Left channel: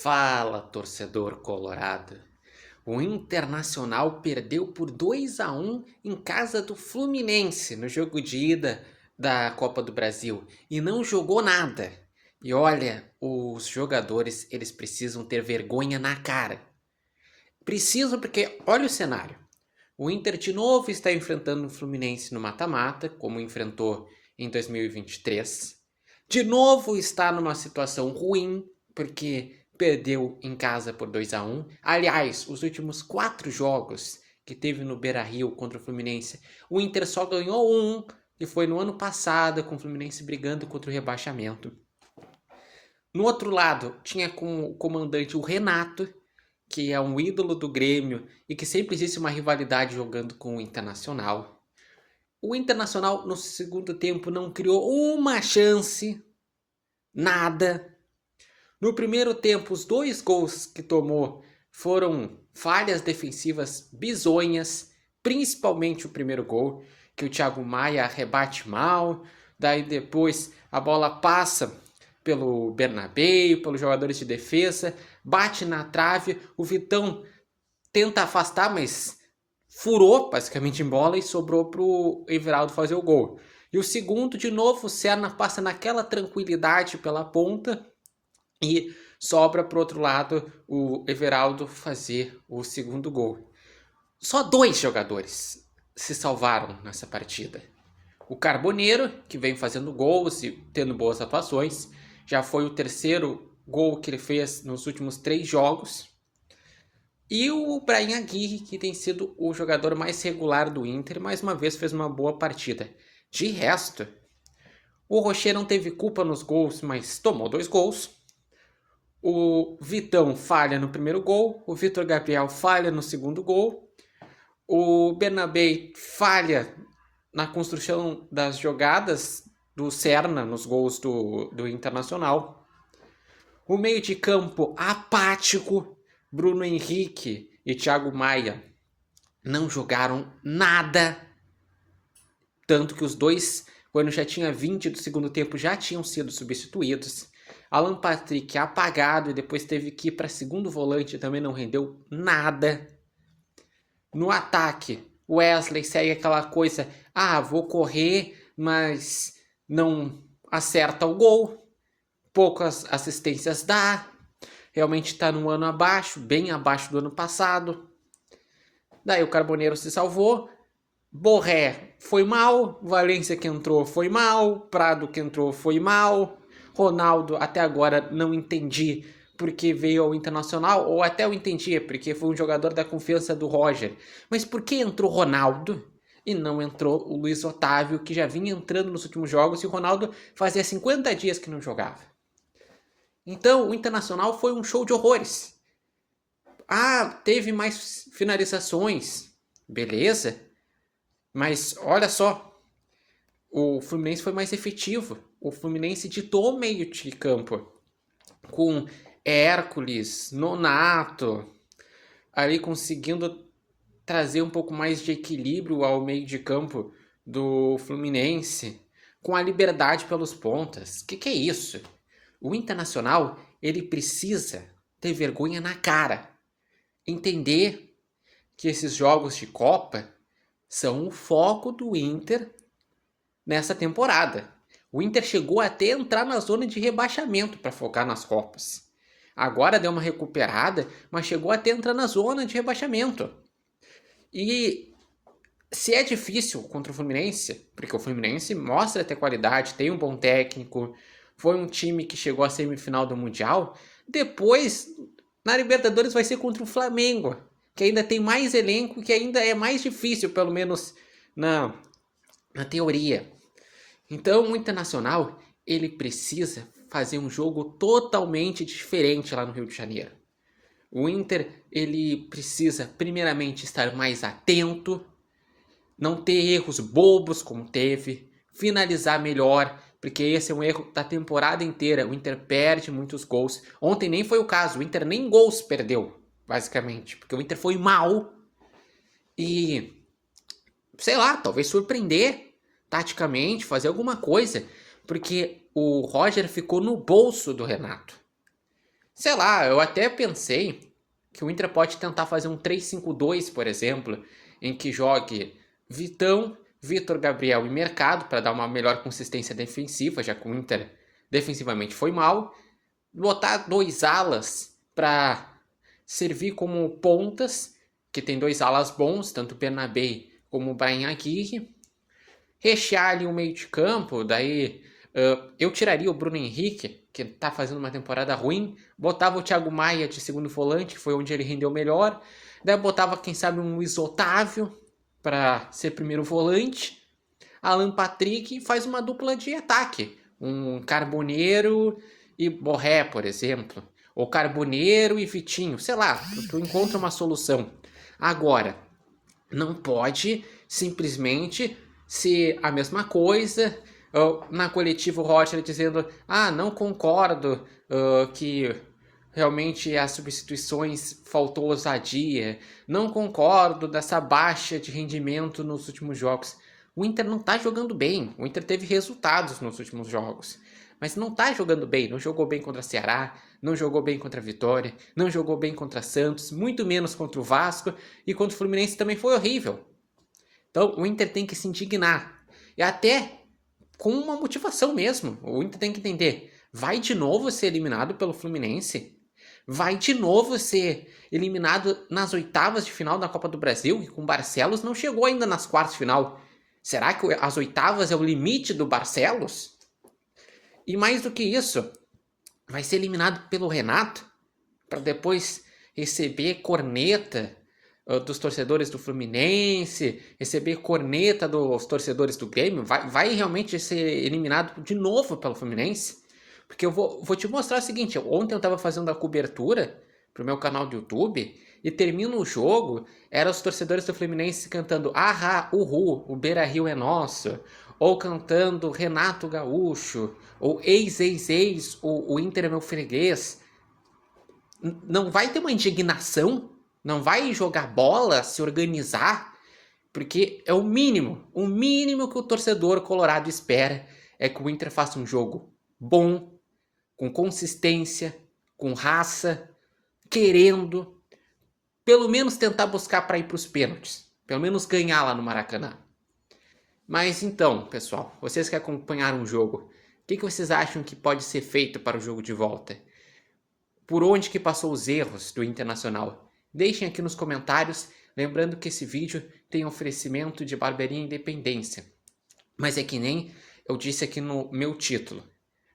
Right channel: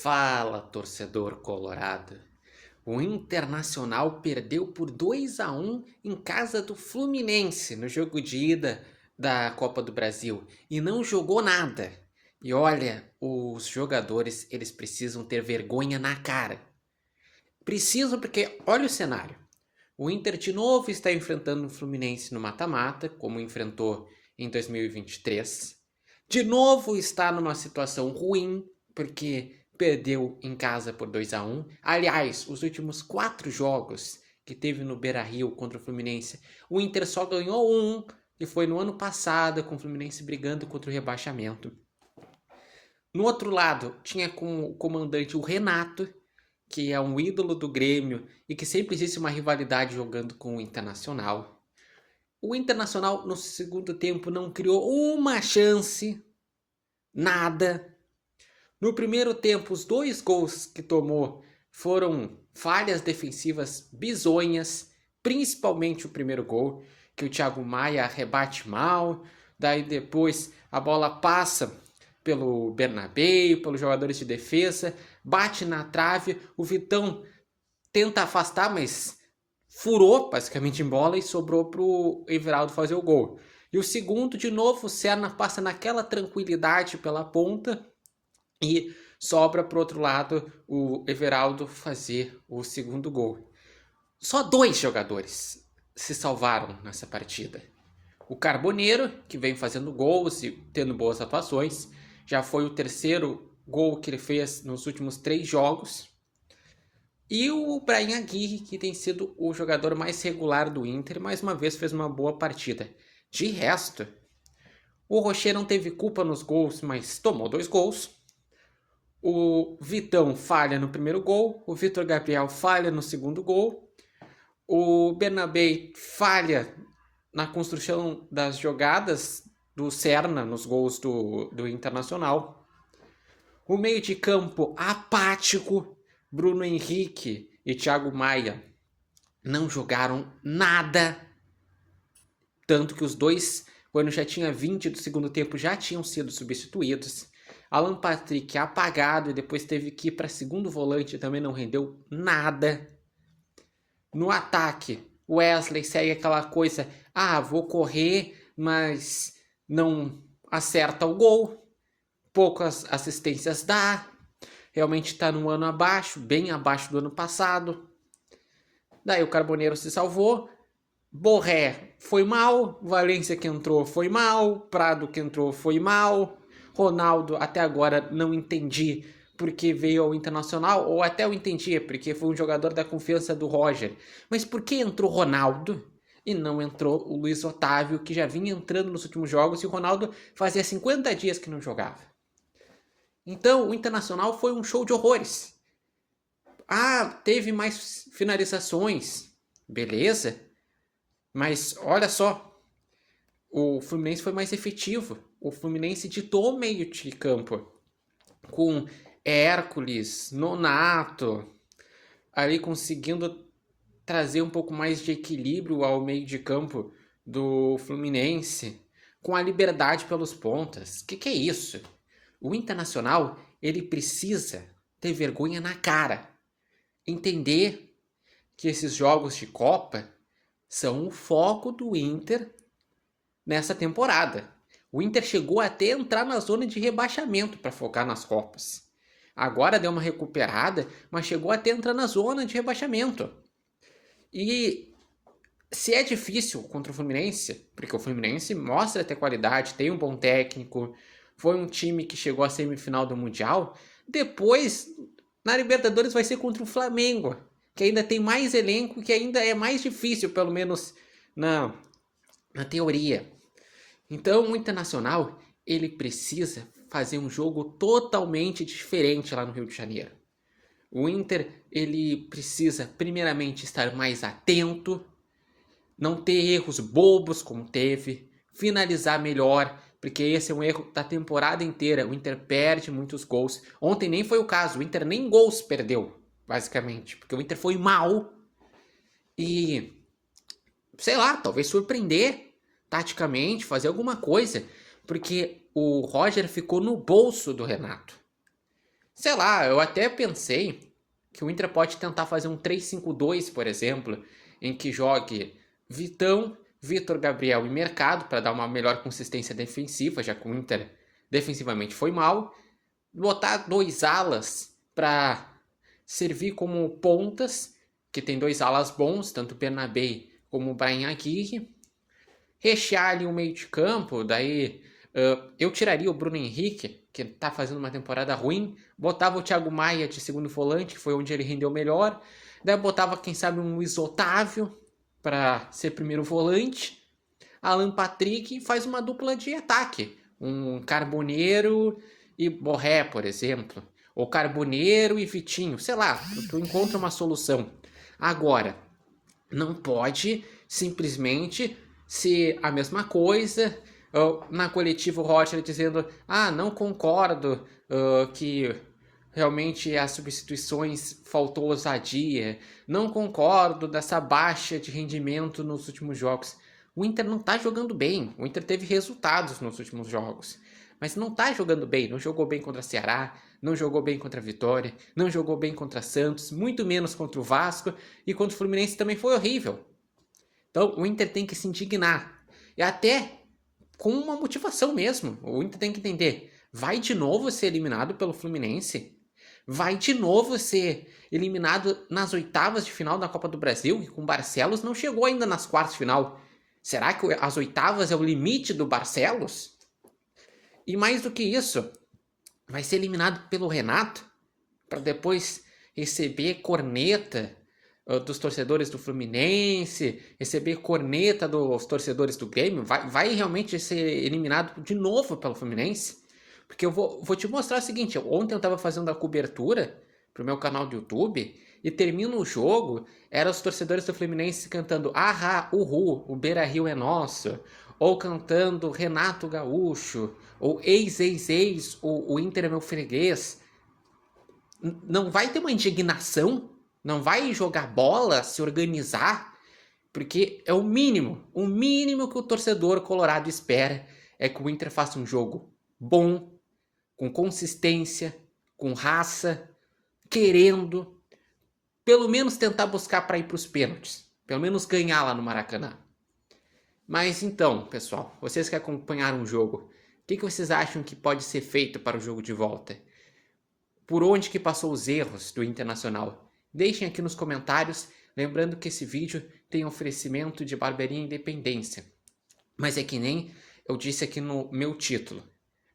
Fala, torcedor colorado. O Internacional perdeu por 2-1 em casa do Fluminense no jogo de ida da Copa do Brasil e não jogou nada. E olha, os jogadores, eles precisam ter vergonha na cara. Precisam porque olha o cenário. O Inter de novo está enfrentando o Fluminense no mata-mata, como enfrentou em 2023. De novo está numa situação ruim, porque perdeu em casa por 2-1. Aliás, os últimos 4 jogos que teve no Beira-Rio contra o Fluminense, o Inter só ganhou um, e foi no ano passado, com o Fluminense brigando contra o rebaixamento. No outro lado, tinha como comandante o Renato, que é um ídolo do Grêmio e que sempre existe uma rivalidade jogando com o Internacional. O Internacional, no segundo tempo, não criou uma chance, nada. No primeiro tempo, os 2 gols que tomou foram falhas defensivas bizonhas, principalmente o primeiro gol, que o Thiago Maia rebate mal, daí depois a bola passa pelo Bernabéu, pelos jogadores de defesa, bate na trave, o Vitão tenta afastar, mas furou basicamente em bola e sobrou pro Everaldo fazer o gol. E o segundo, de novo, o Serna passa naquela tranquilidade pela ponta e sobra pro outro lado o Everaldo fazer o segundo gol. Só 2 jogadores se salvaram nessa partida. O Carboneiro, que vem fazendo gols e tendo boas atuações, já foi o terceiro gol que ele fez nos últimos 3 jogos. E o Brahim Aguirre, que tem sido o jogador mais regular do Inter, mais uma vez fez uma boa partida. De resto, o Rocher não teve culpa nos gols, mas tomou 2 gols. O Vitão falha no primeiro gol, o Vitor Gabriel falha no segundo gol, o Bernabéu falha na construção das jogadas do Serna nos gols do Internacional. O meio de campo apático, Bruno Henrique e Thiago Maia não jogaram nada. Tanto que os dois, quando já tinha 20 do segundo tempo, já tinham sido substituídos. Alan Patrick apagado e depois teve que ir para segundo volante e também não rendeu nada. No ataque, Wesley segue aquela coisa, vou correr, mas não acerta o gol. Poucas assistências dá. Realmente está num ano abaixo, bem abaixo do ano passado. Daí o Carboneiro se salvou. Borré foi mal. Valência que entrou foi mal. Prado que entrou foi mal. Ronaldo até agora não entendi porque veio ao Internacional, ou até eu entendia porque foi um jogador da confiança do Roger. Mas por que entrou Ronaldo e não entrou o Luiz Otávio, que já vinha entrando nos últimos jogos, e o Ronaldo fazia 50 dias que não jogava? Então, o Internacional foi um show de horrores. Teve mais finalizações. Beleza. Mas, olha só. O Fluminense foi mais efetivo. O Fluminense ditou o meio de campo. Com Hércules, Nonato, ali conseguindo trazer um pouco mais de equilíbrio ao meio de campo do Fluminense. Com a liberdade pelos pontas. Que é isso? O Internacional, ele precisa ter vergonha na cara. Entender que esses jogos de Copa são o foco do Inter nessa temporada. O Inter chegou até a entrar na zona de rebaixamento para focar nas Copas. Agora deu uma recuperada, mas chegou até a entrar na zona de rebaixamento. E se é difícil contra o Fluminense, porque o Fluminense mostra ter qualidade, tem um bom técnico, foi um time que chegou à semifinal do Mundial, depois na Libertadores vai ser contra o Flamengo, que ainda tem mais elenco, que ainda é mais difícil, pelo menos na teoria. Então o Internacional, ele precisa fazer um jogo totalmente diferente lá no Rio de Janeiro. O Inter, ele precisa primeiramente estar mais atento, não ter erros bobos como teve, finalizar melhor, porque esse é um erro da temporada inteira. O Inter perde muitos gols. Ontem nem foi o caso, o Inter nem gols perdeu, basicamente, porque o Inter foi mal e, sei lá, talvez surpreender taticamente, fazer alguma coisa, porque o Roger ficou no bolso do Renato. Sei lá, eu até pensei que o Inter pode tentar fazer um 3-5-2, por exemplo, em que jogue Vitão, Vitor, Gabriel e Mercado para dar uma melhor consistência defensiva, já que o Inter defensivamente foi mal. Botar dois alas para servir como pontas, que tem dois alas bons, tanto o Bernabé como o Bryan Aguirre. Rechear ali o meio de campo, daí eu tiraria o Bruno Henrique, que tá fazendo uma temporada ruim, botava o Thiago Maia de segundo volante, que foi onde ele rendeu melhor, daí botava, quem sabe, um Luiz Otávio para ser primeiro volante, Alan Patrick e faz uma dupla de ataque, um Carboneiro e Borré, por exemplo, ou Carboneiro e Vitinho, sei lá, tu encontra uma solução. Agora, não pode simplesmente ser a mesma coisa. Na coletiva, o Roger dizendo: não concordo que realmente as substituições faltou ousadia, não concordo dessa baixa de rendimento nos últimos jogos. O Inter não está jogando bem, o Inter teve resultados nos últimos jogos, mas não está jogando bem, não jogou bem contra o Ceará, não jogou bem contra a Vitória, não jogou bem contra Santos, muito menos contra o Vasco, e contra o Fluminense também foi horrível. Então o Inter tem que se indignar, e até com uma motivação mesmo. O Inter tem que entender: vai de novo ser eliminado pelo Fluminense? Vai de novo ser eliminado nas oitavas de final da Copa do Brasil, que com o Barcelos não chegou ainda nas quartas de final. Será que as oitavas é o limite do Barcelos? E mais do que isso, vai ser eliminado pelo Renato para depois receber corneta dos torcedores do Fluminense, receber corneta dos torcedores do Grêmio. Vai realmente ser eliminado de novo pelo Fluminense? Porque eu vou te mostrar o seguinte: ontem eu estava fazendo a cobertura pro meu canal do YouTube e termina o jogo, eram os torcedores do Fluminense cantando "Ahá, uhu, o Beira-Rio é nosso", ou cantando Renato Gaúcho, ou ex, o Inter é meu freguês. Não vai ter uma indignação? Não vai jogar bola, se organizar? Porque é o mínimo que o torcedor colorado espera é que o Inter faça um jogo bom, com consistência, com raça, querendo, pelo menos tentar buscar para ir para os pênaltis, pelo menos ganhar lá no Maracanã. Mas então, pessoal, vocês que acompanharam o jogo, o que vocês acham que pode ser feito para o jogo de volta? Por onde que passou os erros do Internacional? Deixem aqui nos comentários, lembrando que esse vídeo tem oferecimento de Barbearia Independência. Mas é que nem eu disse aqui no meu título:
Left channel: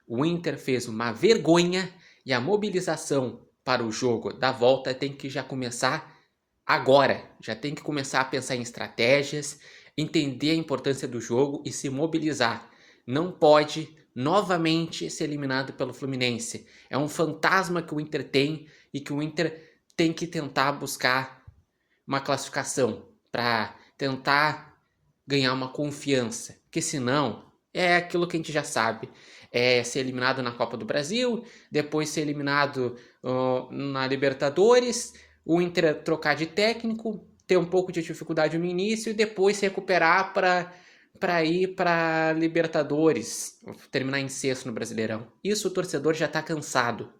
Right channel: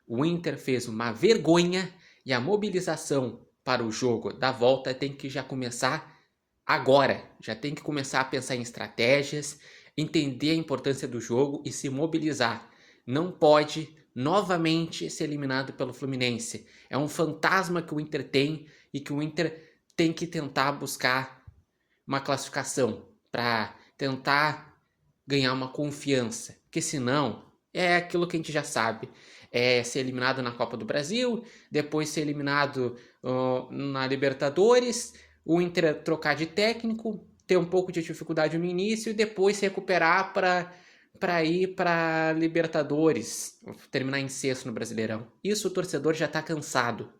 o Inter fez uma vergonha e a mobilização para o jogo da volta tem que já começar agora. Já tem que começar a pensar em estratégias, entender a importância do jogo e se mobilizar. Não pode novamente ser eliminado pelo Fluminense. É um fantasma que o Inter tem e que o Inter tem que tentar buscar uma classificação para tentar ganhar uma confiança. Porque senão é aquilo que a gente já sabe: é ser eliminado na Copa do Brasil, depois ser eliminado na Libertadores, o Inter trocar de técnico, ter um pouco de dificuldade no início e depois se recuperar para ir para Libertadores, terminar em sexto no Brasileirão. Isso o torcedor já está cansado.